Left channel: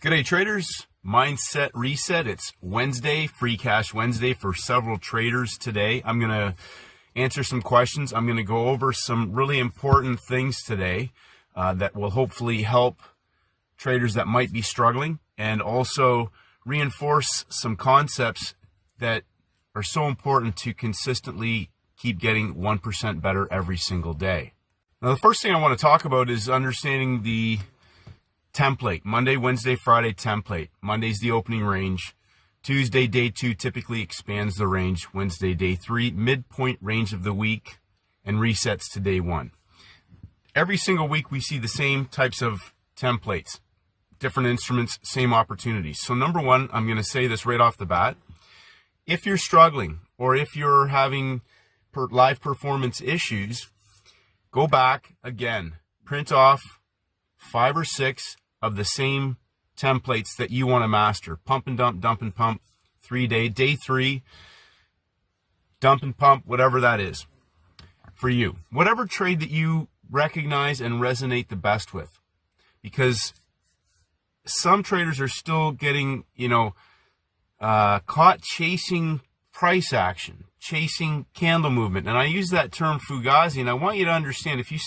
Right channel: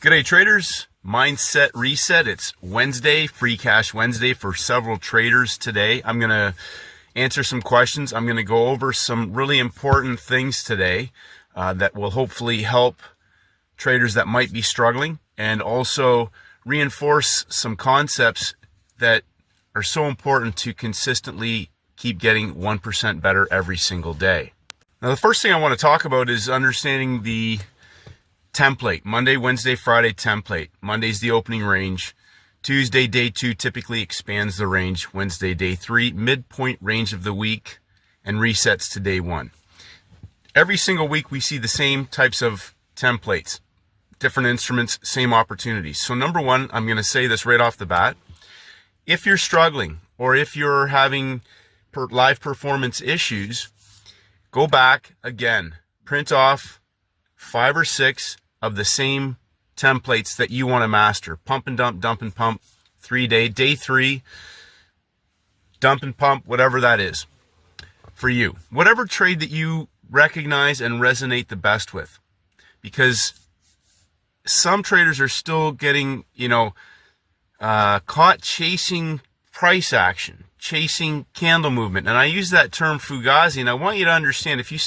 G'day traders, Mindset Reset. It's Wednesday, Free Cash Wednesday for several traders today. I'm going to answer some questions. I'm going to go over some really important things today that will hopefully help traders that might be struggling, and also reinforce some concepts that are so important to consistently keep getting 1% better every single day. Now, the first thing I want to talk about is understanding the template. Monday, Wednesday, Friday template. Monday's the opening range. Tuesday, day 2 typically expands the range. Wednesday, day 3, midpoint range of the week, and resets to day 1. Every single week we see the same types of templates, different instruments, same opportunities. So number one, I'm going to say this right off the bat. If you're struggling or if you're having live performance issues, go back again, print off 5 or 6 of the same templates that you want to master. Pump and dump and pump, 3-day, day 3, dump and pump, whatever that is for you. Whatever trade that you recognize and resonate the best with. Because some traders are still getting, caught chasing price action, chasing movement. And I use that term fugazi, and I want you to understand, if you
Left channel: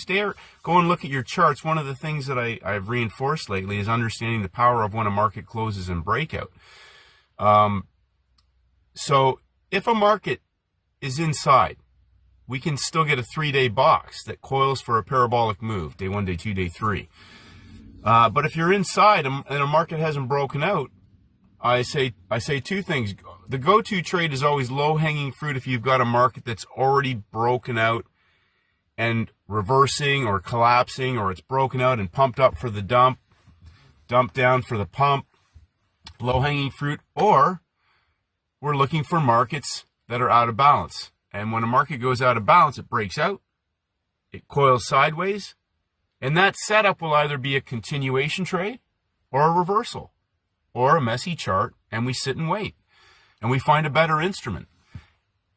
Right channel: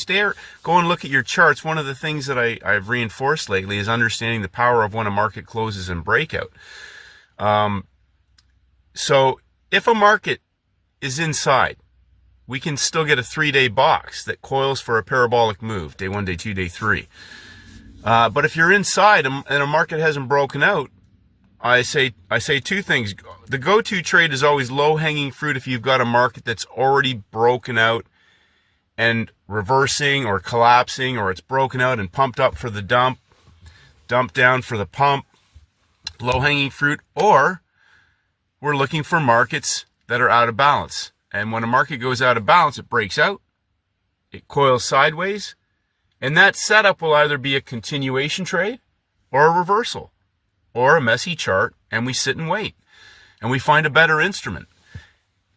go and look at your charts, one of the things that I've reinforced lately is understanding the power of when a market closes and breakout. So if a market is inside, we can still get a 3-day box that coils for a parabolic move, day 1, day 2, day 3. But if you're inside and a market hasn't broken out, I say 2 things. The go-to trade is always low-hanging fruit if you've got a market that's already broken out and reversing or collapsing, or it's broken out and pumped up for the dump down for the pump, low-hanging fruit. Or we're looking for markets that are out of balance. And when a market goes out of balance, it breaks out, it coils sideways, and that setup will either be a continuation trade or a reversal, or a messy chart, and we sit and wait, and we find a better instrument.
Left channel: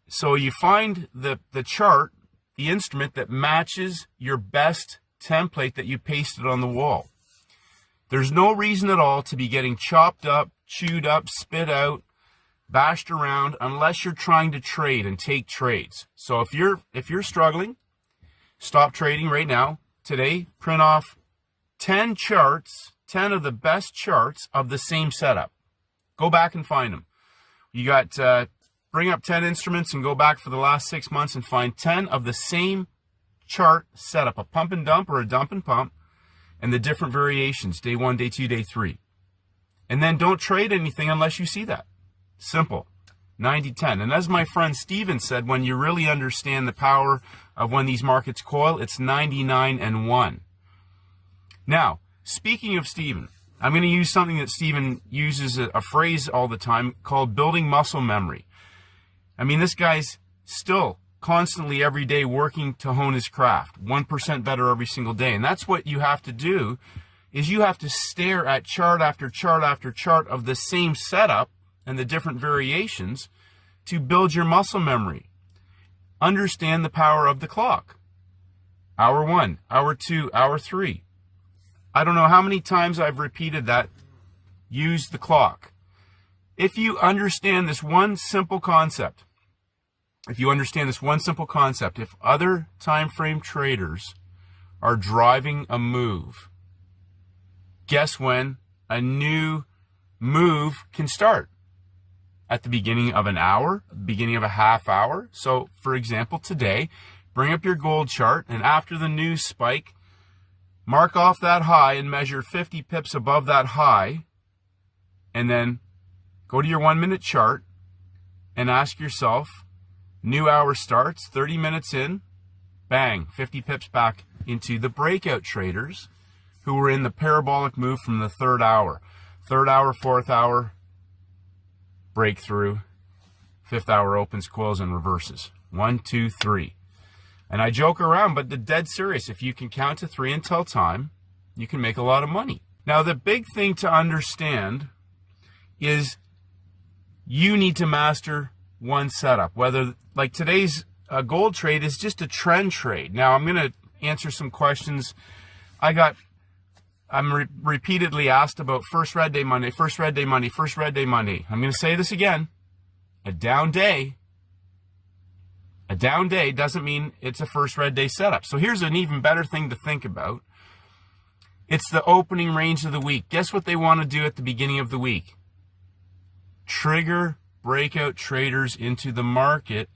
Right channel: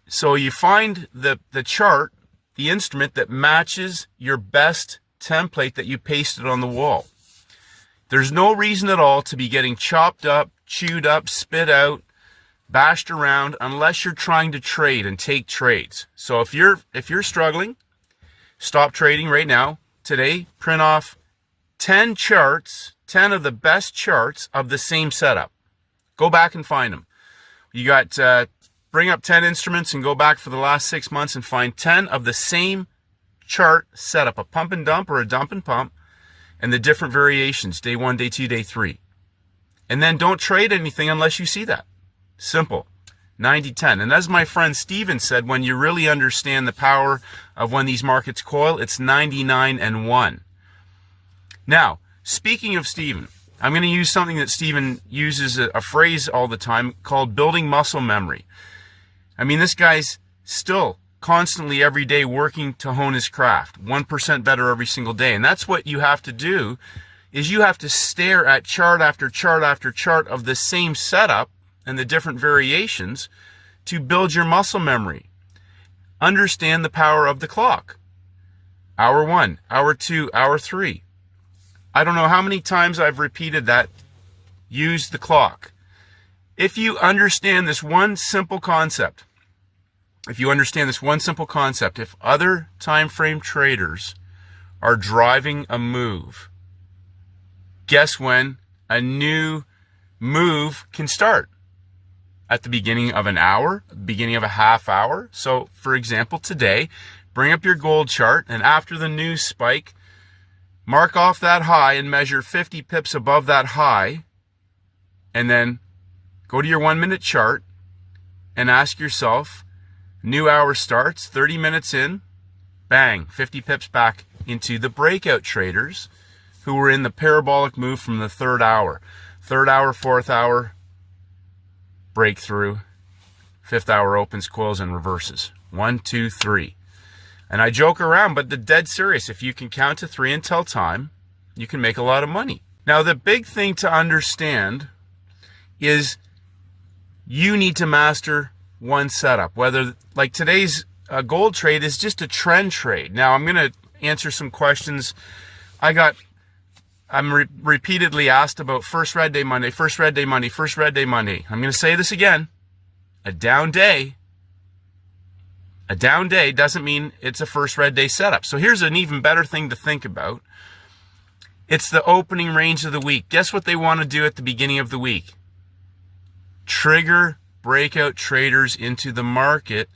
So you find the chart, the instrument that matches your best template that you pasted on the wall. There's no reason at all to be getting chopped up, chewed up, spit out, bashed around, unless you're trying to trade and take trades. So if you're struggling, stop trading right now. Today, print off 10 charts, 10 of the best charts of the same setup. Go back and find them. You got, bring up 10 instruments and go back for the last 6 months and find 10 of the same chart setup, a pump and dump or a dump and pump, and the different variations, day 1, day 2, day 3. And then don't trade anything unless you see that. Simple. 90-10. And as my friend Steven said, when you really understand the power of when these markets coil, it's 99-1. Now, speaking of Steven, I'm going to use something that Steven uses, a phrase all the time called building muscle memory. I mean, this guy's still constantly every day working to hone his craft, 1% better every single day. And that's what you have to do, is you have to stare at chart after chart after chart of the same setup and the different variations to build your muscle memory. Understand the power of the clock. Hour 1, hour 2, hour 3. I don't know how many times I've repeated that. Use the clock. If you understand this one simple concept, if other time frame traders are driving a move, guess when a new move can start? At the beginning of an hour, beginning of a half hour. So, for example, today, bring up your gold chart, and after the news spike, mark off that high and measure 50 pips above that high, and then go to your 1-minute chart and ask yourself, new hour starts, 30 minutes in, bang, 50 pips back into the breakout traders who were in the parabolic move from the 3rd hour. 3rd hour, 4th hour, breakthrough, 5th hour opens, coils, and reverses. 1, 2, 3. And I joke around, but the dead serious. If you can count to 3 and tell time, you can make a lot of money. Now, the big thing to understand is you need to master one setup. Whether, like today's gold trade is just a trend trade. Now, I'm going to answer some questions. I got I'm repeatedly asked about first red day Monday, first red day Monday, first red day Monday. I'm going to say this again. A down day doesn't mean it's a first red day setup. So here's an even better thing to think about. It's the opening range of the week. Guess what they want to do at the beginning of the week? Trigger breakout traders into the market.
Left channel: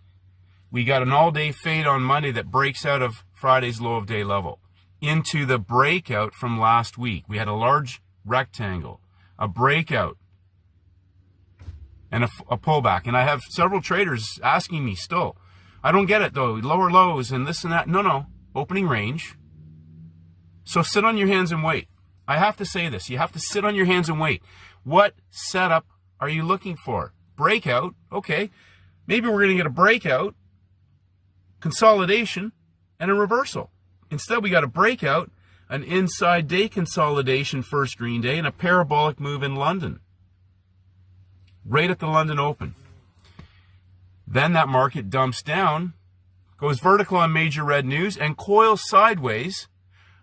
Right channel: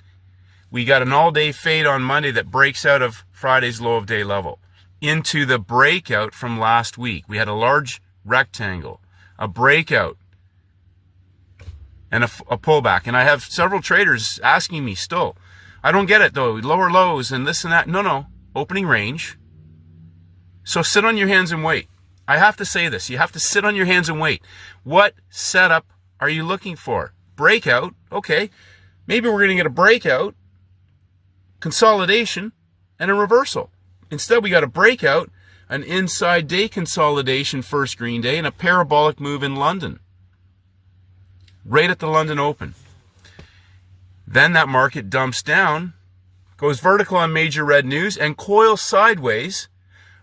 We got an all-day fade on Monday that breaks out of Friday's low of day level into the breakout from last week. We had a large rectangle, a breakout, and a pullback. And I have several traders asking me still, I don't get it though, lower lows and this and that. No, opening range. So sit on your hands and wait. I have to say this. You have to sit on your hands and wait. What setup are you looking for? Breakout. Okay. Maybe we're going to get a breakout, consolidation, and a reversal. Instead, we got a breakout, an inside day consolidation first green day, and a parabolic move in London. Right at the London Open. Then that market dumps down, goes vertical on major red news, and coils sideways.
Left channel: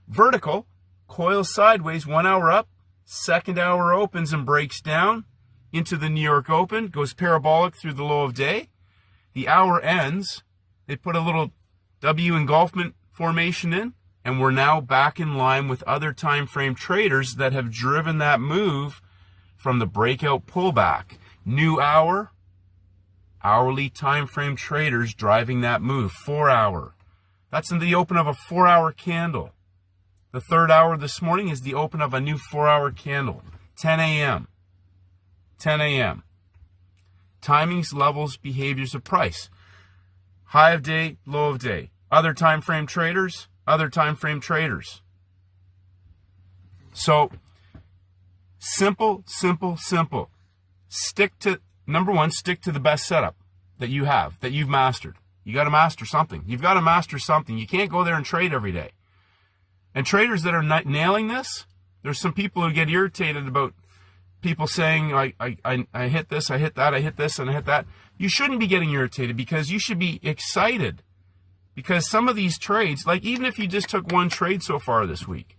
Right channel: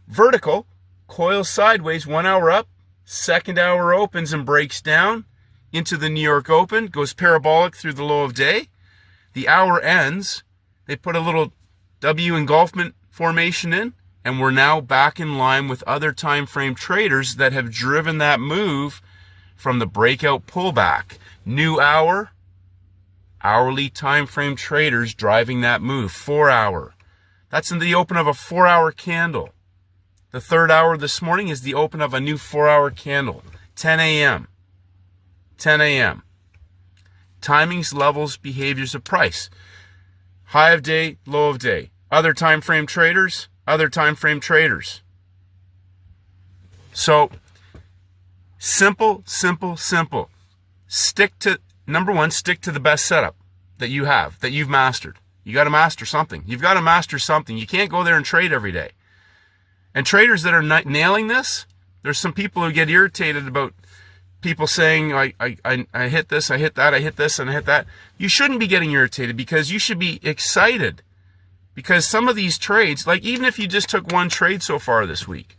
Vertical, coils sideways, 1 hour up, second hour opens and breaks down into the New York Open, goes parabolic through the low of day. The hour ends, they put a little W engulfment formation in, and we're now back in line with other time frame traders that have driven that move from the breakout pullback. New hour, hourly time frame traders driving that move. 4 hour. That's in the open of a 4 hour candle. The third hour this morning is the open of a new 4 hour candle. 10 a.m. 10 a.m. Timings, levels, behaviors of price. High of day, low of day. Other time frame traders, other time frame traders. So, simple. Stick to, number one, stick to the best setup that you have, that you've mastered. You got to master something. You've got to master something. You can't go there and trade every day. And traders that are not nailing this, there's some people who get irritated about people saying, I hit this, I hit that, I hit this, and I hit that. You shouldn't be getting irritated, because you should be excited. Because some of these trades, like even if you just took one trade so far this week,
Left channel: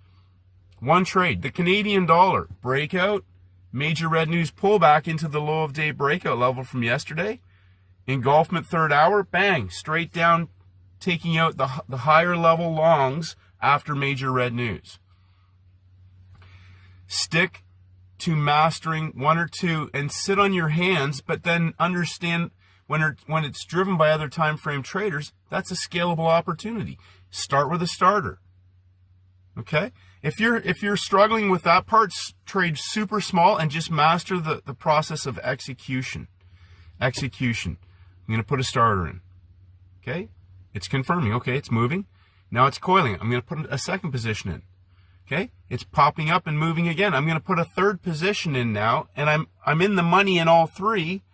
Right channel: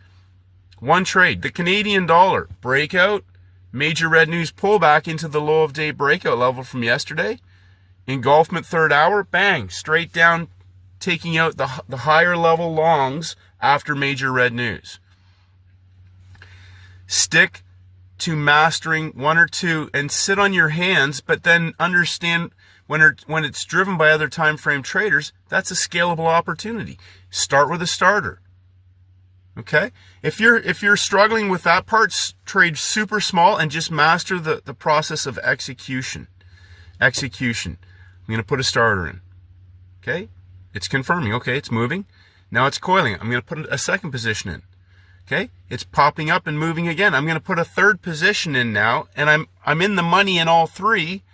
one trade, the Canadian dollar, breakout, major red news pullback into the low of day breakout level from yesterday, engulfment third hour, bang, straight down, taking out the higher level longs after major red news. Stick to mastering one or two and sit on your hands, but then understand when it's driven by other time frame traders, that's a scalable opportunity. Start with a starter. Okay? If you're struggling with that part, trade super small and just master the process of execution. I'm going to put a starter in. Okay? It's confirming. Okay, it's moving. Now it's coiling. I'm going to put a second position in. Okay? It's popping up and moving again. I'm going to put a third position in now, and I'm in the money in all three.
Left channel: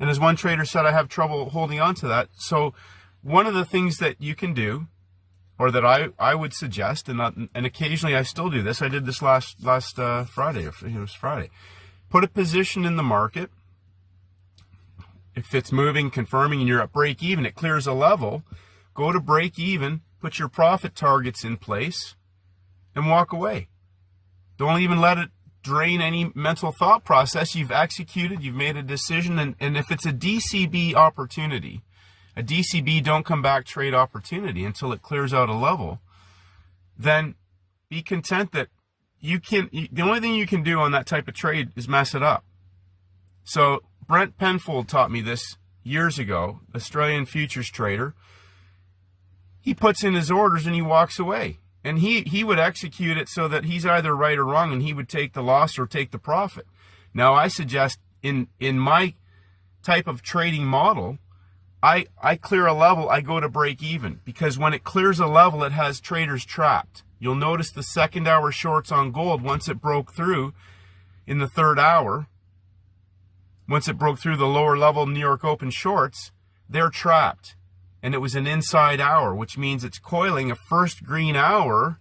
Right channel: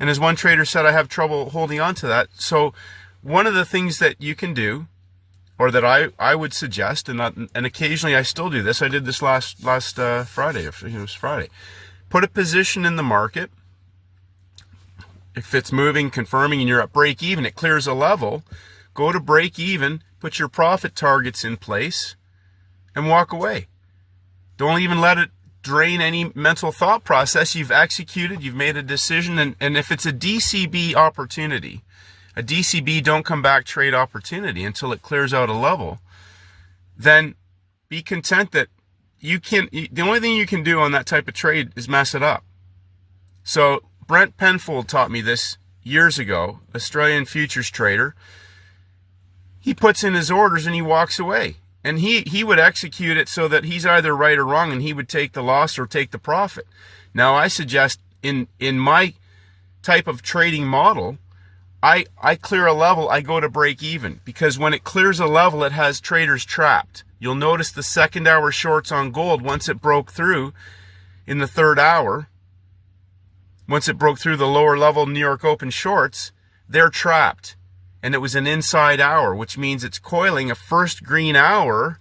And as one trader said, I have trouble holding on to that. So one of the things that you can do, or that I would suggest, and occasionally I still do this. I did this last Friday. It was Friday. Put a position in the market. If it's moving, confirming, and you're at break even, it clears a level. Go to break even, put your profit targets in place, and walk away. Don't even let it drain any mental thought process. You've executed, you've made a decision, and if it's a DCB opportunity, a DCB don't come back trade opportunity until it clears out a level, then be content that the only thing you can do on that type of trade is mess it up. So Brent Penfold taught me this years ago, Australian futures trader. He puts in his orders and he walks away. And he would execute it so that he's either right or wrong, and he would take the loss or take the profit. Now, I suggest in my type of trading model, I clear a level, I go to break even, because when it clears a level, it has traders trapped. You'll notice the second hour shorts on gold, once it broke through in the third hour, once it broke through the lower level New York Open shorts, they're trapped. And it was an inside hour, which means it's coiling a first green hour,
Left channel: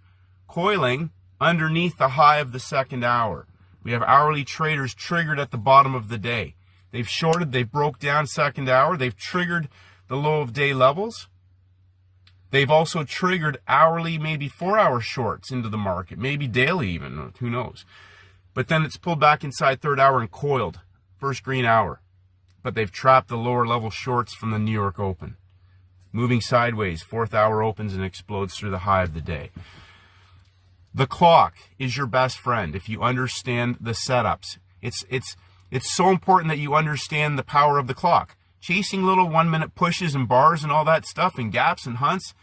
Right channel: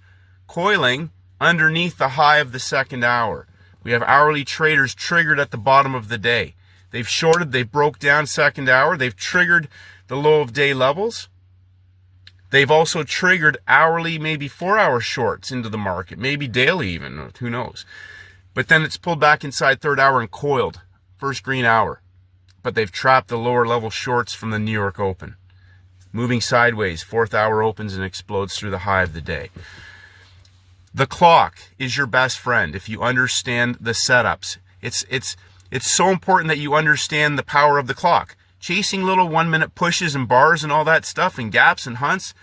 coiling underneath the high of the second hour. We have hourly traders triggered at the bottom of the day. They've shorted, they've broke down second hour, they've triggered the low of day levels. They've also triggered hourly, maybe 4-hour shorts into the market, maybe daily even, who knows. But then it's pulled back inside third hour and coiled, first green hour. But they've trapped the lower level shorts from the New York Open. Moving sideways, fourth hour opens and explodes through the high of the day. The clock is your best friend if you understand the setups. It's so important that you understand the power of the clock. Chasing little 1-minute pushes and bars and all that stuff and gaps and hunts,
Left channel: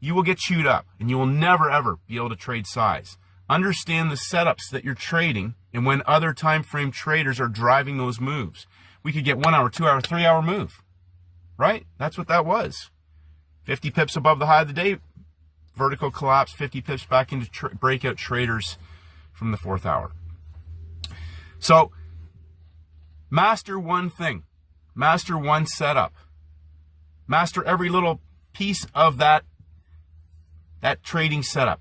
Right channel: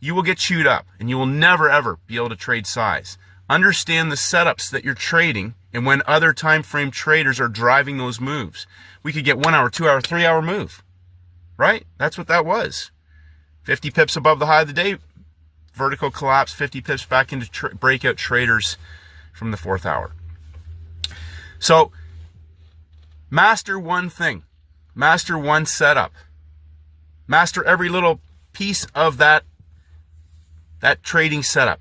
you will get chewed up and you will never ever be able to trade size. Understand the setups that you're trading and when other time frame traders are driving those moves. We could get 1 hour, 2 hour, 3 hour move, right? That's what that was. 50 pips above the high of the day, vertical collapse, 50 pips back into breakout traders from the fourth hour. So master one thing, master one setup, master every little piece of that trading setup,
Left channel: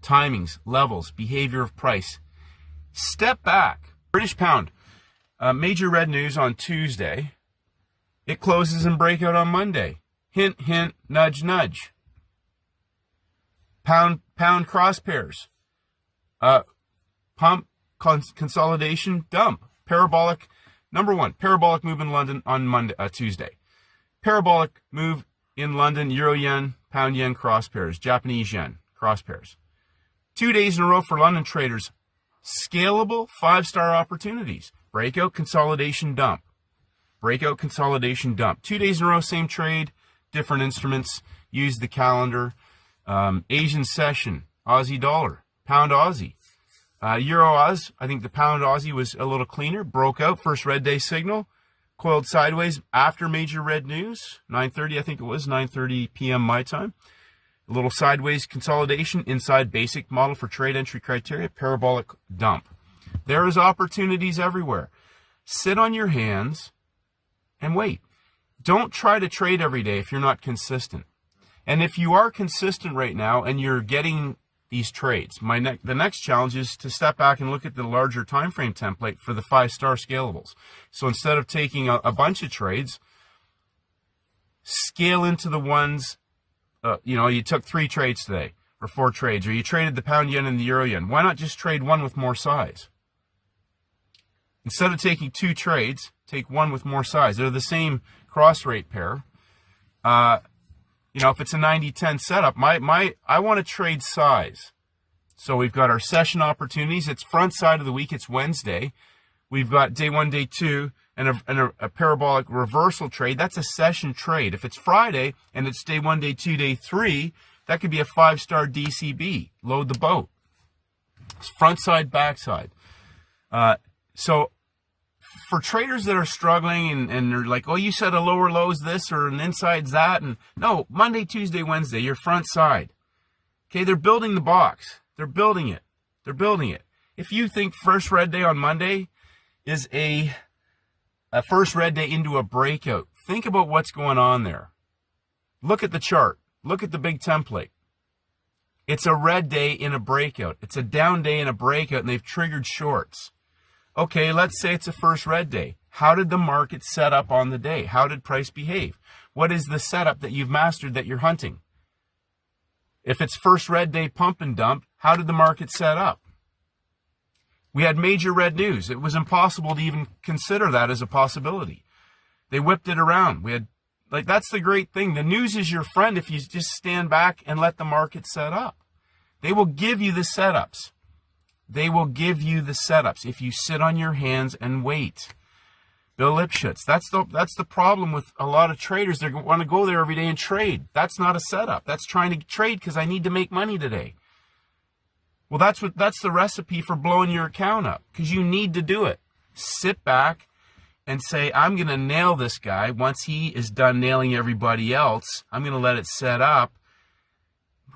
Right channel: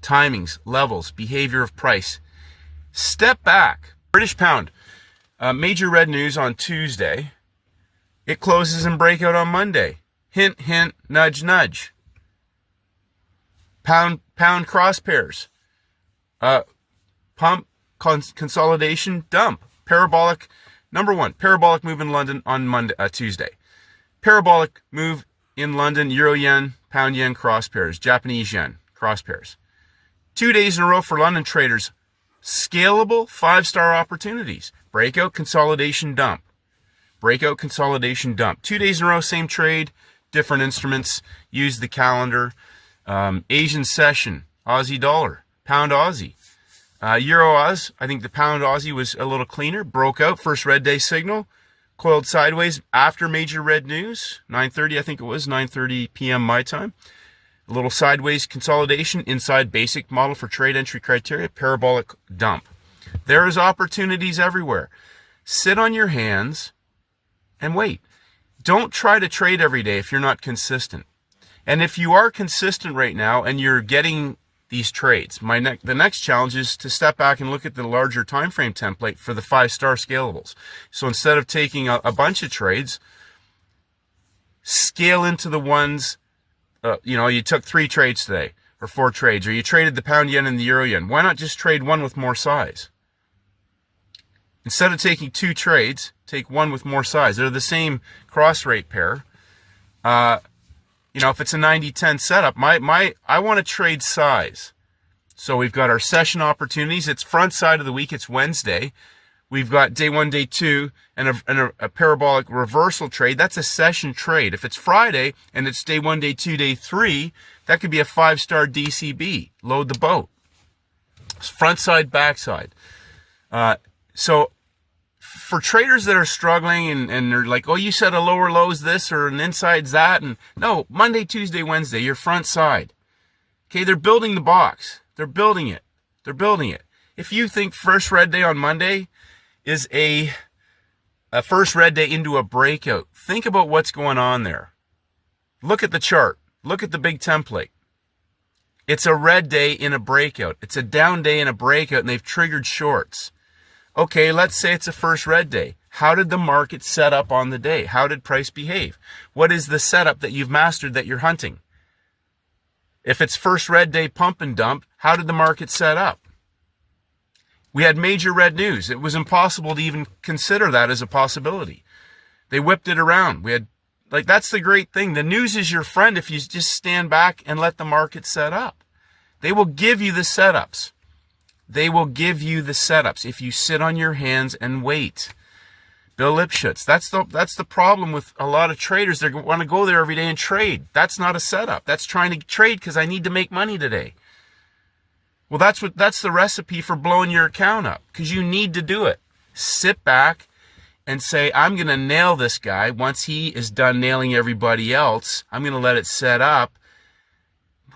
timings, levels, behavior of price. Step back. British pound, major red news on Tuesday. It closes in breakout on Monday. Hint, hint, nudge, nudge. Pound cross pairs. Pump, consolidation, dump. Parabolic, number one, parabolic move in London on Tuesday. Parabolic move in London, euro yen, pound yen cross pairs, Japanese yen cross pairs. 2 days in a row for London traders. Scalable 5-star opportunities. Breakout, consolidation, dump. Breakout, consolidation, dump. 2 days in a row, same trade, different instruments. Use the calendar. Asian session, Aussie dollar, pound Aussie. Euro Oz, I think the pound Aussie was a little cleaner. Broke out, first red day signal. Coiled sideways after major red news. 9:30, I think it was, 9:30 p.m. my time. A little sideways consolidation inside basic model for trade entry criteria. Parabolic dump. There is opportunities everywhere. Sit on your hands and wait. Don't try to trade every day if you're not consistent. And if you are consistent right now and you're getting these trades, the next challenge is to step back and look at the larger time frame template for the 5-star scalables. So instead of taking a bunch of trades, scale into the ones, you took 3 trades today or 4 trades, or you traded the pound yen and the euro yen. Why not just trade one with more size? Instead of taking 2 trades, take one with more size. They're the same cross rate pair. If it's a 90-10 setup, I want to trade size. So we've got our session opportunities. It's front side of the week. It's Wednesday. We've got day 1, day 2, and a parabolic reversal trade. That's a session trade. If it's Friday and it's day 1, day 2, day 3, that could be a 5-star DCB. Load the boat. It's front side, back side. So for traders that are struggling and they're like, oh, you said a lower low's this or an inside's that. And no, Monday, Tuesday, Wednesday, your front side. Okay, they're building the box. They're building it. They're building it. If you think first red day on Monday is a first red day into a breakout, think about what's going on there. Look at the chart. Look at the big template. It's a red day in a breakout. It's a down day in a breakout, and they've triggered shorts. Okay, let's say it's a first red day. How did the market set up on the day? How did price behave? What is the setup that you've mastered that you're hunting? If it's first red day pump and dump, how did the market set up? We had major red news. It was impossible to even consider that as a possibility. They whipped it around. That's the great thing. The news is your friend if you just stand back and let the market set up. They will give you the setups. They will give you the setups if you sit on your hands and wait. Bill Lipschutz, that's the problem with a lot of traders. They want to go there every day and trade. That's not a setup. That's trying to trade because I need to make money today. Well, that's the recipe for blowing your account up, because you need to do it. Sit back and say, I'm going to nail this guy. Once he is done nailing everybody else, I'm going to let it set up.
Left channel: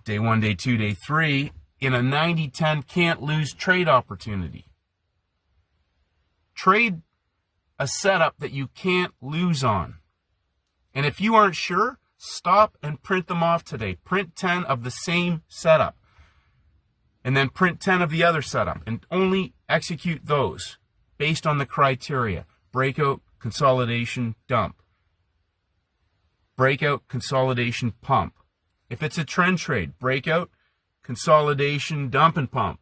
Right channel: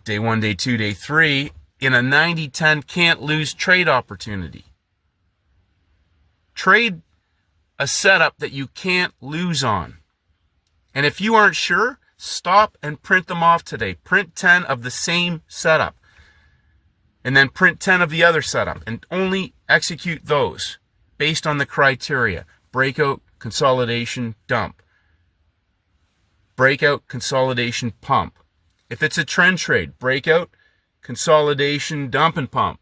Day 1, day 2, day 3. In a 90-10 can't lose trade opportunity. Trade a setup that you can't lose on. And if you aren't sure, stop and print them off today. Print 10 of the same setup. And then print 10 of the other setup. And only execute those based on the criteria. Breakout, consolidation, dump. Breakout, consolidation, pump. If it's a trend trade, breakout, consolidation, dump and pump.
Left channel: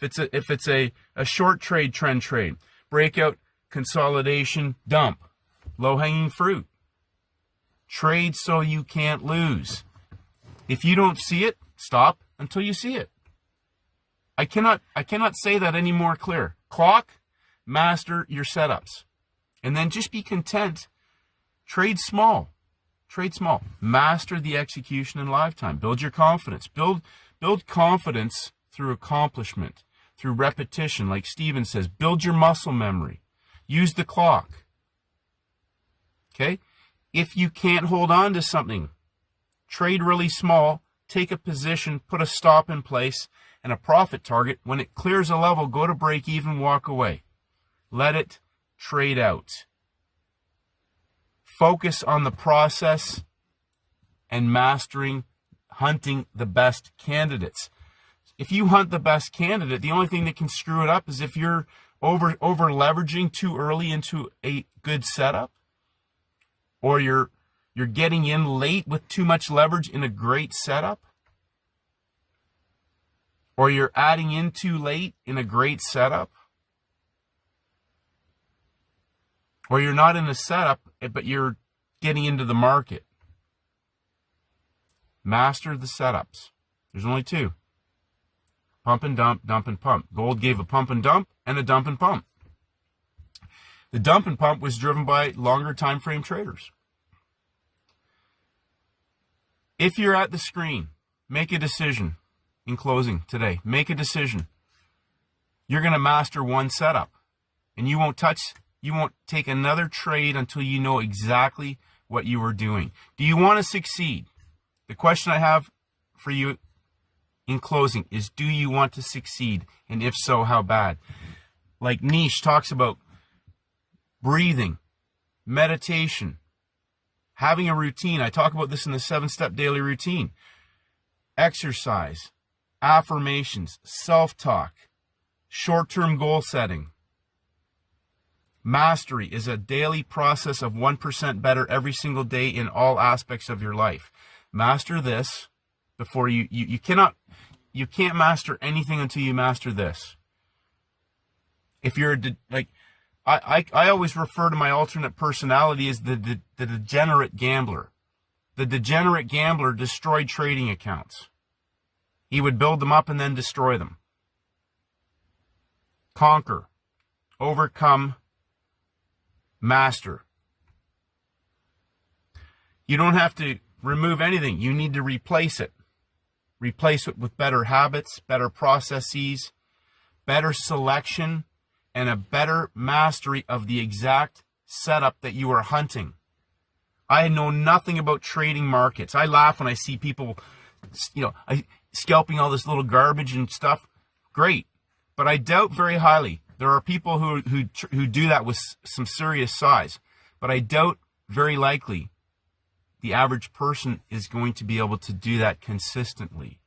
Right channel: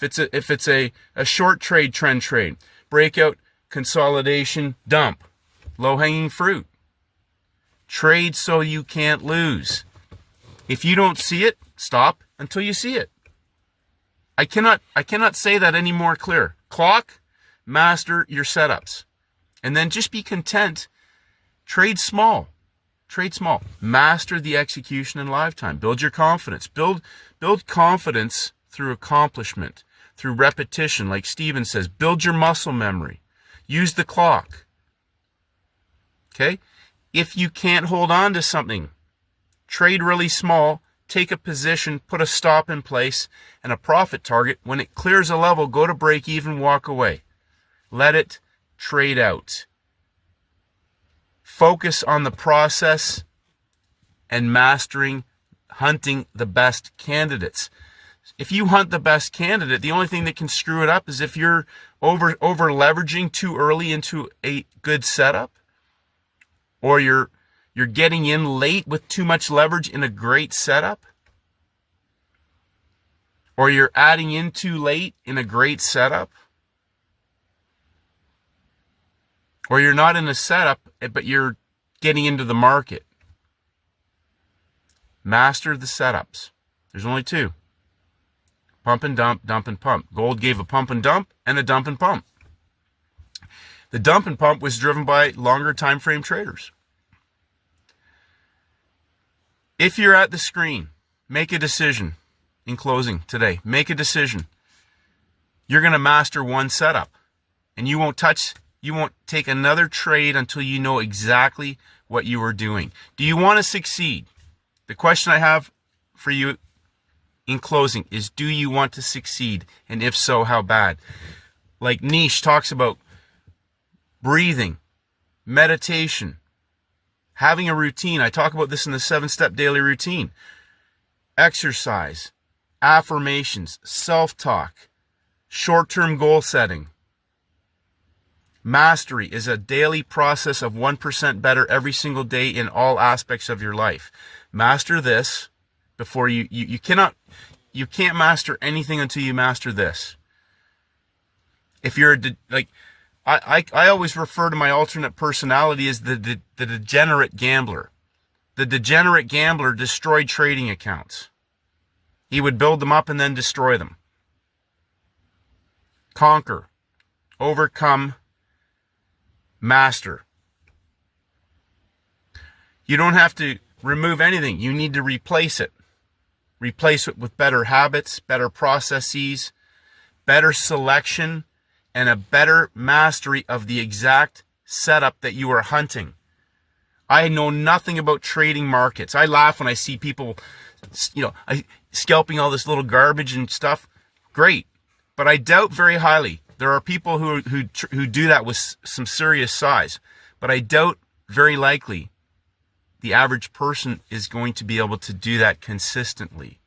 If it's a short trade, trend trade, breakout, consolidation, dump. Low-hanging fruit. Trade so you can't lose. If you don't see it, stop until you see it. I cannot say that any more clear. Clock, master your setups. And then just be content. Trade small. Trade small. Master the execution in live time. Build your confidence. Build confidence through accomplishment, through repetition, like Steven says. Build your muscle memory. Use the clock. Okay? If you can't hold on to something, trade really small, take a position, put a stop in place, and a profit target. When it clears a level, go to break even, walk away. Let it trade out. Focus on the process and mastering, hunting the best candidates. If you hunt the best candidate, the only thing that can screw it up is if you're over leveraging too early into a good setup, or you're getting in late with too much leverage in a great setup, or you're adding in too late in a great setup, or you're not in a setup, but you're getting into the market. Master the setups. There's only two. Pump and dump, dump and pump. Gold gave a pump and dump and a dump and pump. The dump and pump was driven by longer time frame traders. If you're at the screen, make a decision in closing today. Make a decision. You're going to master one setup, and you won't take another trade until you know exactly what you are doing. Do you want to succeed? The question I have for you in closing is, do you want to succeed? And if so, how bad? Like Niche talks about, breathing, meditation, having a routine. I talk about this in the 7-step daily routine. Exercise, affirmations, self-talk, short-term goal setting. Mastery is a daily process of 1% better every single day in all aspects of your life. Master this before you can't master anything until you master this. If you're I always refer to my alternate personality as the degenerate gambler. The degenerate gambler destroyed trading accounts. He would build them up and then destroy them. Conquer, overcome, master. You don't have to remove anything. You need to replace it. Replace it with better habits, better processes, better selection, and a better mastery of the exact setup that you are hunting. I know nothing about trading markets. I laugh when I see people, scalping all this little garbage and stuff. Great. But I doubt very highly. There are people who do that with some serious size. But I doubt very likely the average person is going to be able to do that consistently.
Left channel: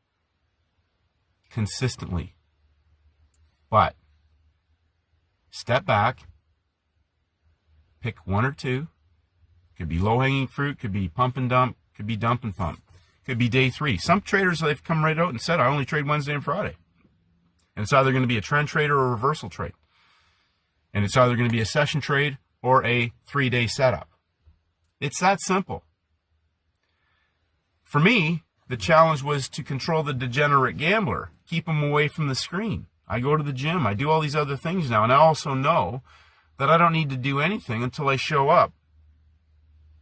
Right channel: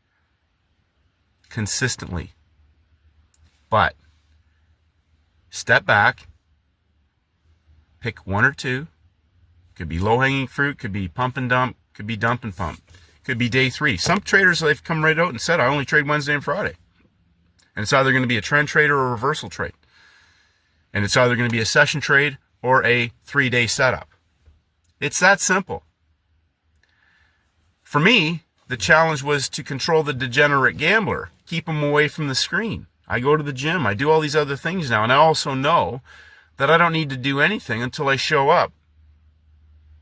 But step back, pick one or two. Could be low-hanging fruit, could be pump and dump, could be dump and pump. Could be day 3. Some traders, they've come right out and said, I only trade Wednesday and Friday. And it's either going to be a trend trade or a reversal trade. And it's either going to be a session trade or a 3-day setup. It's that simple. For me, the challenge was to control the degenerate gambler, keep him away from the screen. I go to the gym, I do all these other things now, and I also know that I don't need to do anything until I show up,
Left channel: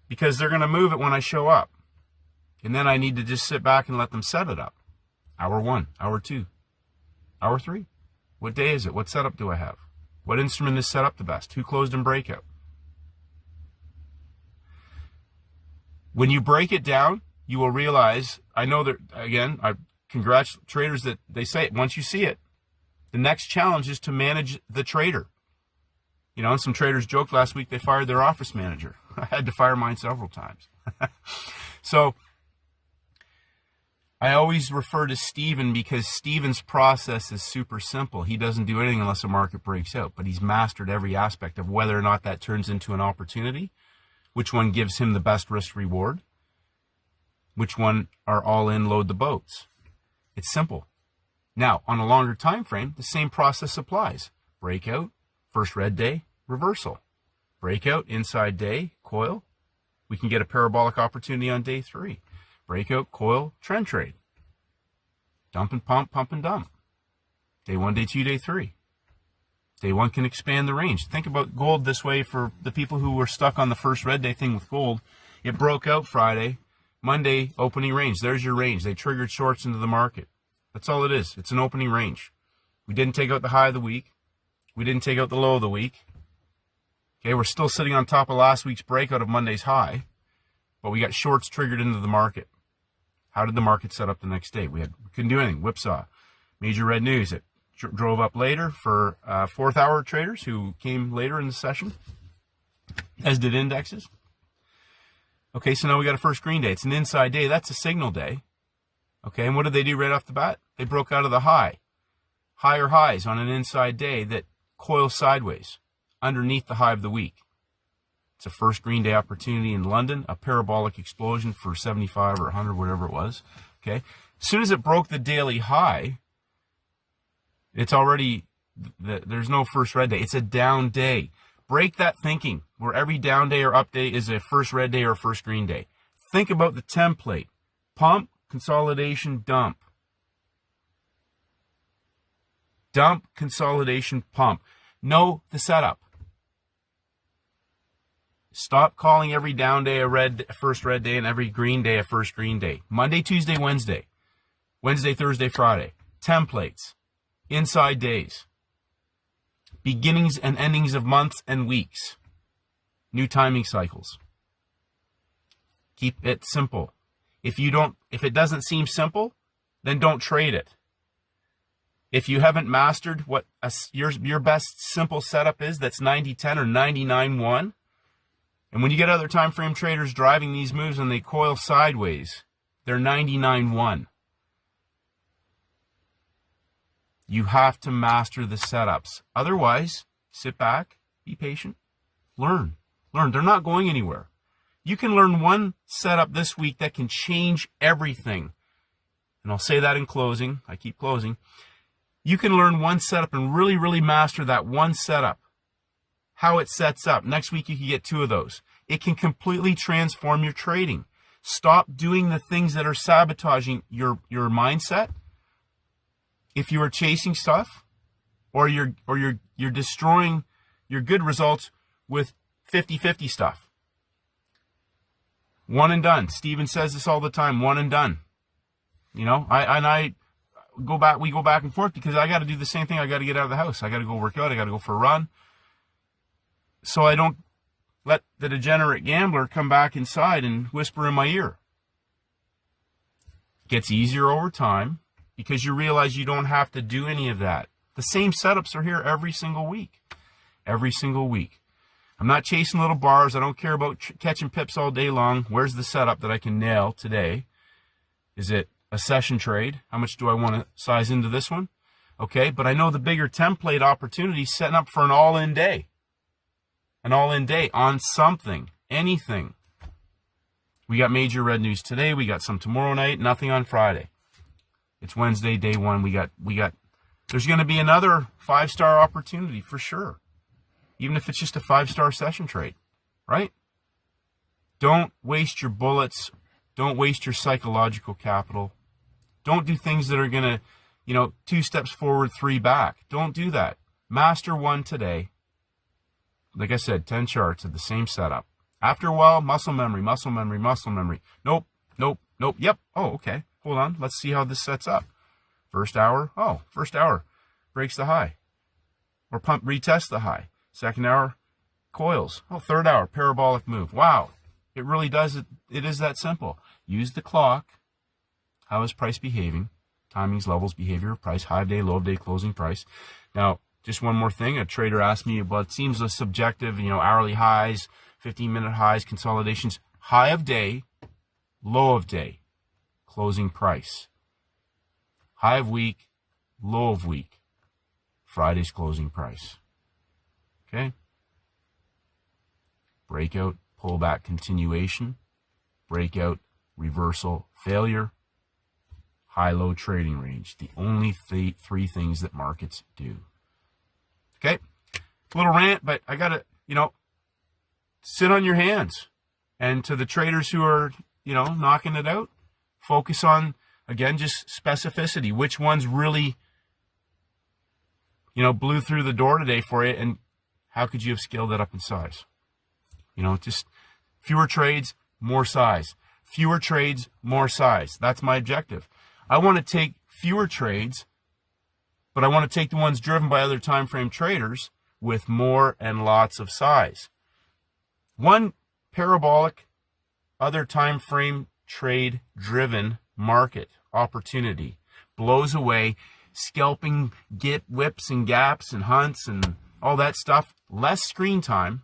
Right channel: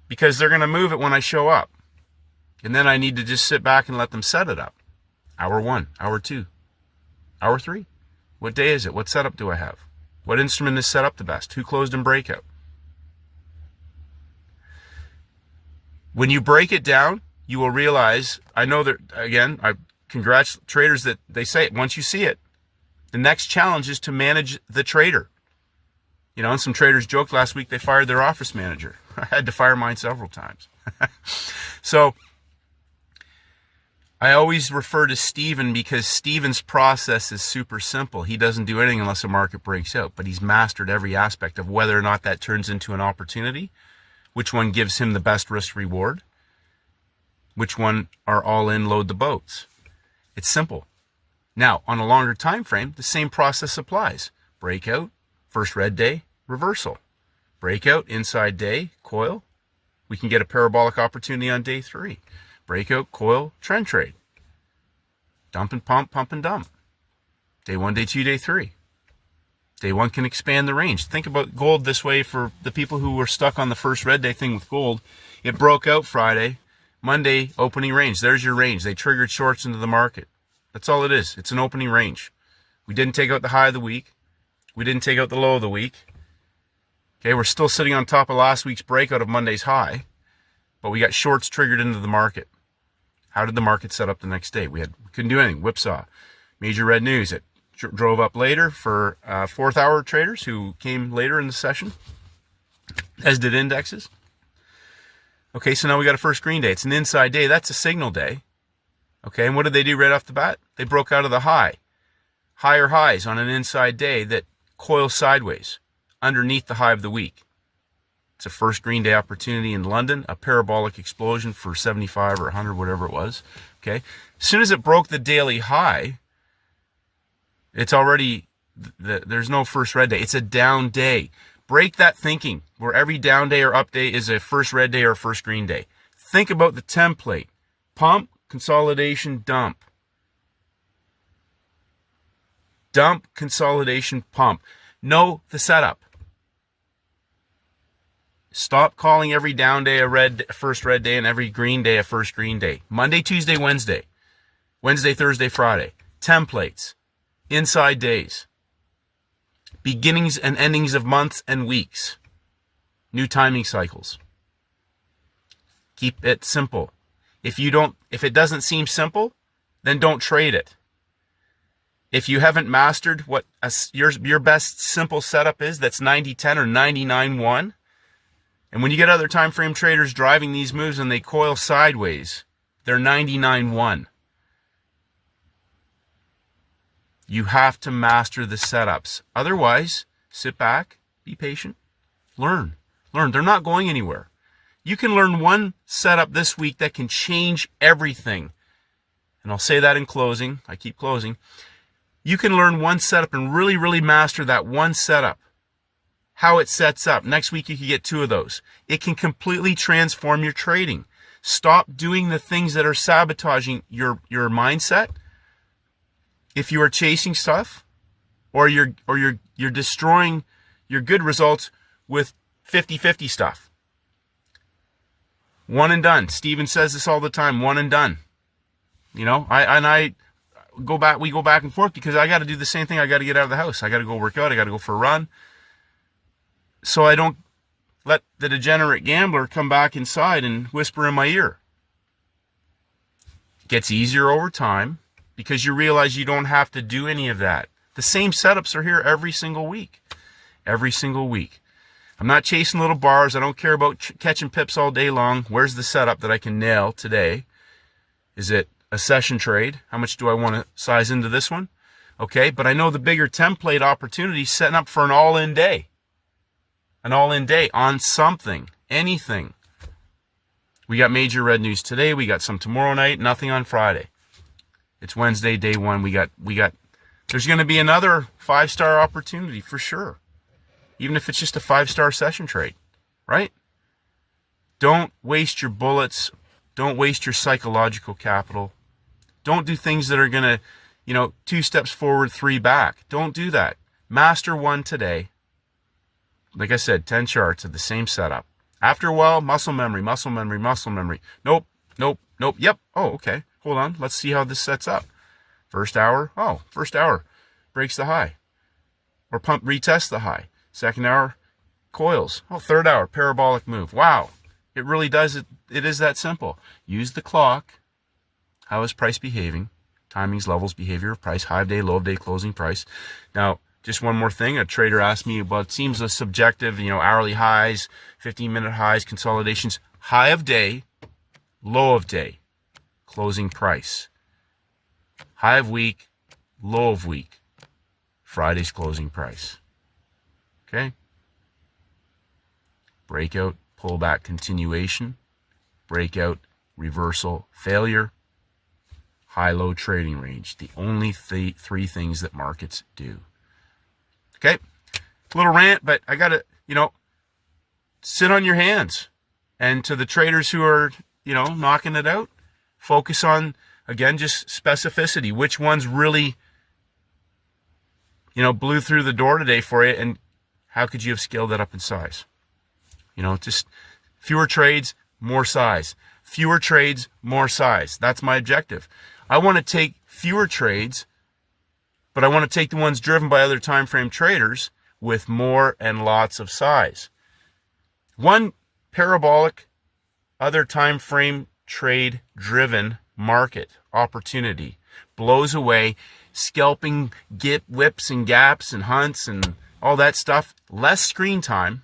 because they're going to move it when I show up. And then I need to just sit back and let them set it up. Hour 1, hour 2, hour 3. What day is it? What setup do I have? What instrument is set up the best? Who closed in breakout? When you break it down, you will realize, I know that, again, I congratulate traders that they say it. Once you see it, the next challenge is to manage the trader. And some traders joked last week they fired their office manager. I had to fire mine several times. So I always refer to Steven because Steven's process is super simple. He doesn't do anything unless the market breaks out, but he's mastered every aspect of whether or not that turns into an opportunity, which one gives him the best risk reward, Which one are all in, load the boats? It's simple. Now, on a longer time frame, the same process applies. Breakout, first red day, reversal. Breakout, inside day, coil. We can get a parabolic opportunity on day 3. Breakout, coil, trend trade. Dump and pump, pump and dump. Day 1, day 2, day 3. Day 1 can expand the range. Think about gold this way for the people who were stuck on the first red day thing with gold. It broke out Friday. Monday, opening range. There's your range. They triggered shorts into the market. That's all it is. It's an opening range. We didn't take out the high of the week. We didn't take out the low of the week. Okay, we're still sitting on top of last week's breakout of Monday's high, but we got shorts triggered into the market. How did the market set up the next day? We couldn't do anything. Whipsaw. Major red news. It drove up later for fourth hour traders who came later in the session, as did indexes. Okay, so now we got a first green day. It's an inside day. That's a signal day. Okay, and what did they do right off the bat? They broke out of the high. Higher highs on an inside day that coil sideways underneath the high of the week. It's a first green day opportunity in London, a parabolic explosion for 75 or 100, whatever it was. Okay, as soon as it broke the daily high, it's already, there's no first red day. It's a down day. Break that thinking where every down day or up day is a first red day or first green day. Think about the template. Pump, consolidation, dump. Dump, consolidation, pump. Know the setup. Stop calling every down day a first red day and every green day a first green day. Monday, Tuesday, Wednesday. Wednesday, Thursday, Friday. Templates. Inside days. Beginnings and endings of months and weeks. New timing cycles. Keep it simple. If it doesn't seem simple, then don't trade it. If you haven't mastered what your best simple setup is, that's 90-10 or 99-1. And when you get other time frame traders driving these moves and they coil sideways, they're 99-1. You have to master the setups. Otherwise, sit back, be patient, learn. They're not going anywhere. You can learn one setup this week that can change everything. And I'll say that in closing. I keep closing. You can learn one setup and really, really master that one setup. How it sets up. Next week you can get 2 of those. It can completely transform your trading. Stop doing the things that are sabotaging your mindset. If you are chasing stuff, or you're destroying your good results with 50-50 stuff. One and done. Steven says this all the time. One and done. You know, we go back and forth because I got to do the same thing. I got to get out of the house. I got to go work out. I got to go for a run. So I don't let the degenerate gambler come back inside and whisper in my ear. It gets easier over time because you realize you don't have to do any of that. The same setups are here every single week. Every single week. I'm not chasing little bars. I don't care about catching pips all day long. Where's the setup that I can nail today? Is it a session trade? How much do I want to size into this one? Okay, but I know the bigger template opportunity setting up for an all-in day. An all-in day on something, anything. We got major red news today. We got some tomorrow night. Nothing on Friday. It's Wednesday, day 1. We got. There's going to be another 5-star opportunity for sure. Even if it's just a 5-star session trade, right? Don't waste your bullets. Don't waste your psychological capital. Don't do things that are going to, 2 steps forward, 3 back. Don't do that. Master one today. Like I said, 10 charts of the same setup. After a while, muscle memory. Nope. Yep. Oh, okay. Hold on. Let's see how this sets up. First hour. Breaks the high. Or pump, retest the high. Second hour, coils. Oh, third hour, parabolic move. Wow. It really does. It is that simple. Use the clock. How is price behaving? Timings, levels, behavior of price, high of day, low of day, closing price. Now, just one more thing. A trader asked me about, it seems subjective, hourly highs, 15-minute highs, consolidations, high of day, low of day, closing price. High of week, low of week, Friday's closing price. Okay? Breakout, pullback, continuation, breakout, reversal, failure, high-low trading range. The only three things that markets do. Okay, a little rant, but I gotta, sit on your hands. And to the traders who are, knocking it out, focus on, again, just specificity. Which ones really, blew through the door today for you, and how could you have scaled that up in size? Just fewer trades, more size. Fewer trades, more size. That's my objective. I want to take fewer trades, but I want to take the ones driven by other time frame traders with more and lots of size. One parabolic, other time frame trade driven market opportunity blows away scalping whips and gaps and hunts and all that stuff. Less screen time.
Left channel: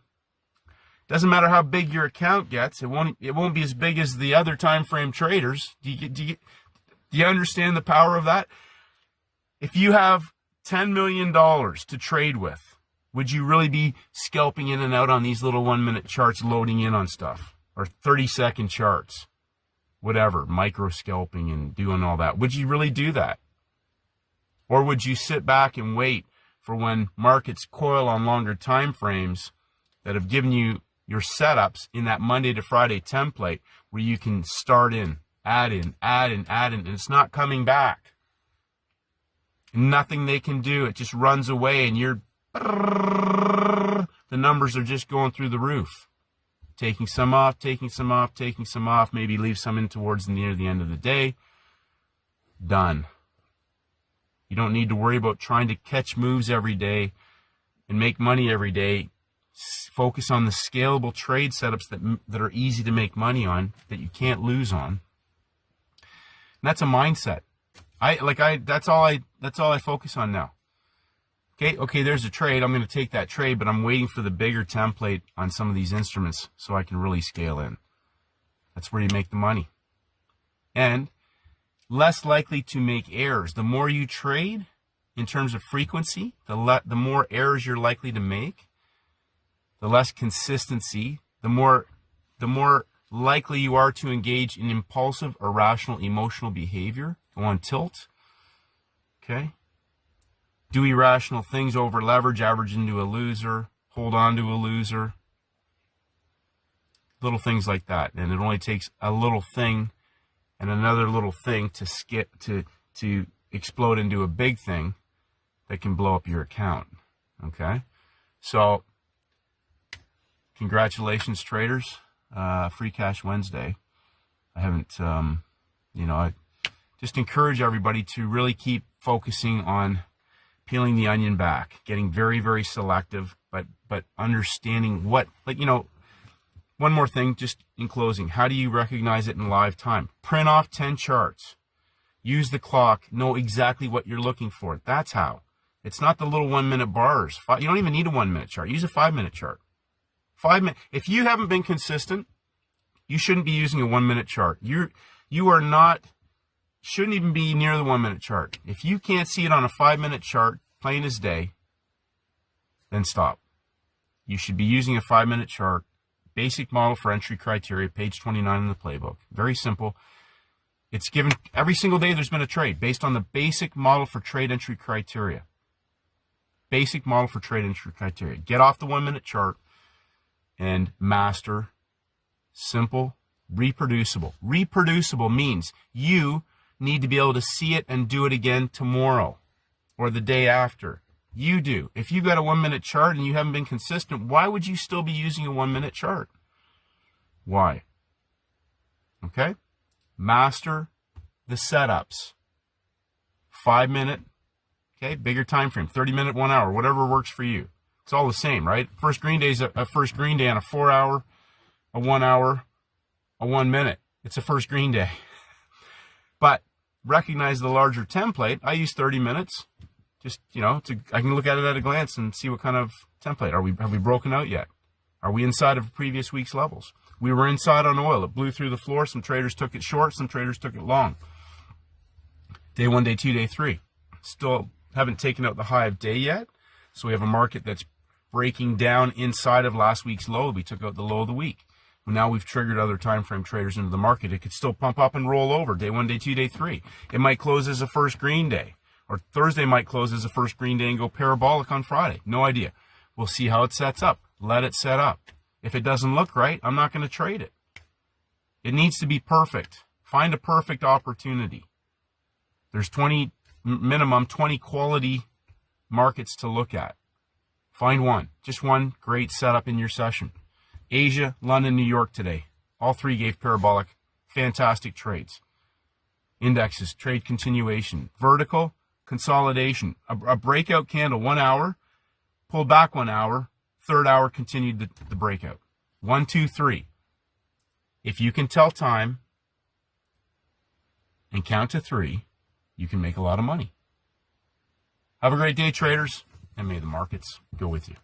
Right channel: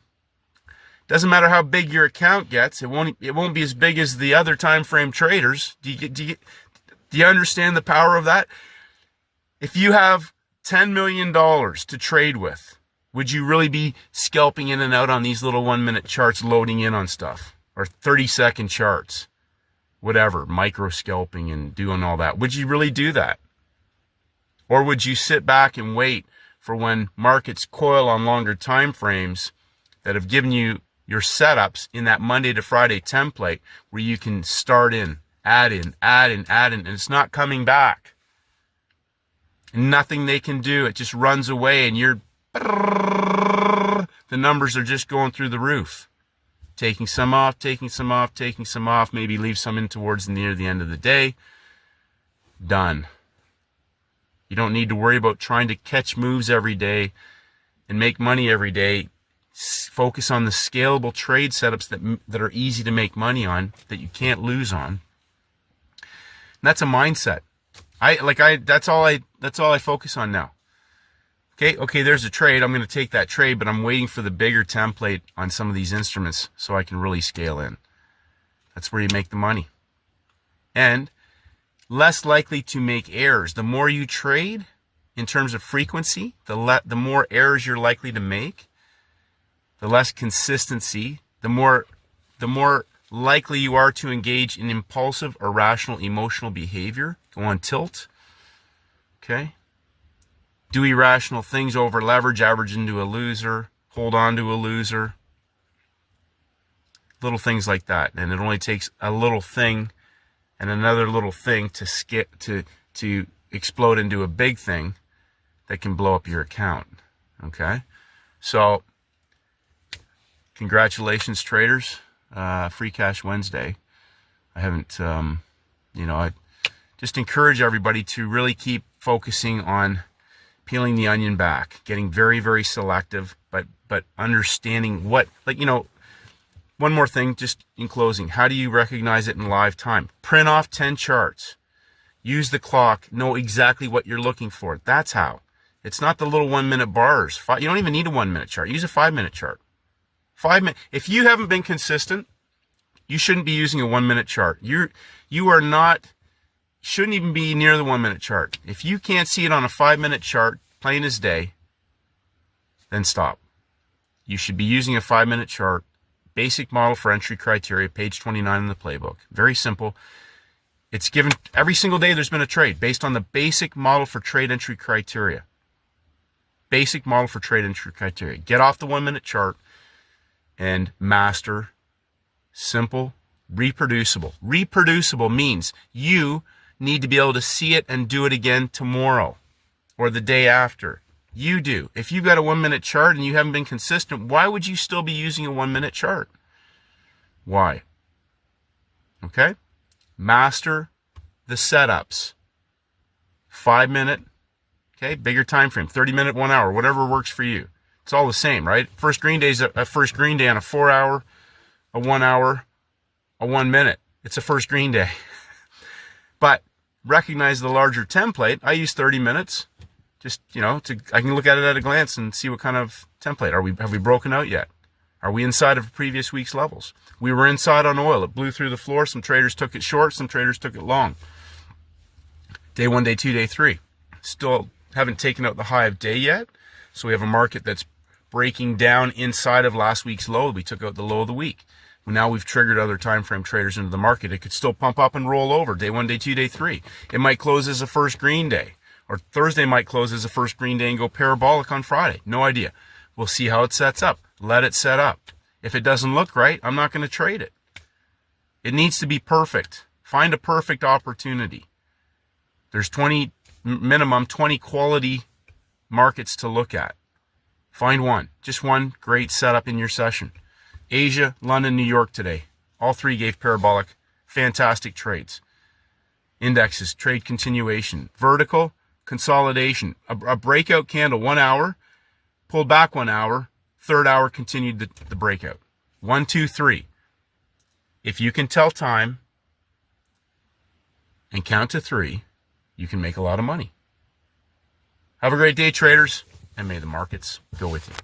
Doesn't matter how big your account gets. It won't be as big as the other time frame traders. Do you understand the power of that? If you have $10 million to trade with, would you really be scalping in and out on these little 1-minute charts, loading in on stuff, or 30-second charts, whatever, micro scalping and doing all that? Would you really do that? Or would you sit back and wait for when markets coil on longer time frames that have given you your setups in that Monday to Friday template, where you can start in, add in, and it's not coming back? And nothing they can do. It just runs away, and the numbers are just going through the roof. Taking some off, maybe leave some in towards near the end of the day. Done. You don't need to worry about trying to catch moves every day and make money every day. Focus on the scalable trade setups that are easy to make money on, that you can't lose on. And that's a mindset. That's all I focus on now. Okay, there's a trade. I'm going to take that trade, but I'm waiting for the bigger template on some of these instruments so I can really scale in. That's where you make the money. And less likely to make errors. The more you trade in terms of frequency, the more errors you're likely to make. The less consistency, the more likely you are to engage in impulsive, irrational, emotional behavior, go on tilt, okay? Do irrational things, over leverage, average into a loser, hold on to a loser, little things like that. And it only takes a little thing and another little thing to explode into a big thing that can blow up your account, okay? So, congratulations, traders. Free Cash Wednesday. I haven't, I just encourage everybody to really keep focusing on peeling the onion back, getting very, very selective, but understanding what, one more thing just in closing. How do you recognize it in live time? Print off 10 charts. Use the clock. Know exactly what you're looking for. That's how. It's not the little 1-minute bars. You don't even need a 1-minute chart. Use a 5-minute chart. 5 minutes. If you haven't been consistent, you shouldn't be using a 1-minute chart. Shouldn't even be near the 1-minute chart. If you can't see it on a 5-minute chart, plain as day, then stop. You should be using a 5-minute chart. Basic model for entry criteria, page 29 in the playbook. Very simple. It's given every single day there's been a trade based on the basic model for trade entry criteria. Basic model for trade entry criteria. Get off the 1-minute chart and master simple, reproducible. Reproducible means you need to be able to see it and do it again tomorrow or the day after. You do. If you've got a 1-minute chart and you haven't been consistent, why would you still be using a 1-minute chart? Why? Okay? Master the setups. 5-minute, okay? Bigger time frame, 30-minute, 1 hour, whatever works for you. It's all the same, right? First green day is a first green day on a 4-hour, a 1 hour, a 1 minute. It's a first green day. But recognize the larger template. I use 30 minutes. Just, I can look at it at a glance and see what kind of template. Have we broken out yet? Are we inside of previous week's levels? We were inside on oil. It blew through the floor. Some traders took it short. Some traders took it long. Day 1, day 2, day 3. Still haven't taken out the high of day yet. So we have a market that's breaking down inside of last week's low. We took out the low of the week. Now we've triggered other time frame traders into the market. It could still pump up and roll over day 1, day 2, day 3. It might close as a first green day, or Thursday might close as a first green day and go parabolic on Friday. No idea. We'll see how it sets up. Let it set up. If it doesn't look right, I'm not going to trade it. It needs to be perfect. Find a perfect opportunity. There's minimum 20 quality markets to look at. Find one, just one great setup in your session. Asia, London, New York today. All three gave parabolic, fantastic trades. Indexes, trade continuation, vertical, consolidation, a breakout candle 1 hour, pulled back 1 hour, third hour continued the breakout. 1, 2, 3. If you can tell time and count to 3, you can make a lot of money. Have a great day, traders, and may the markets go with you.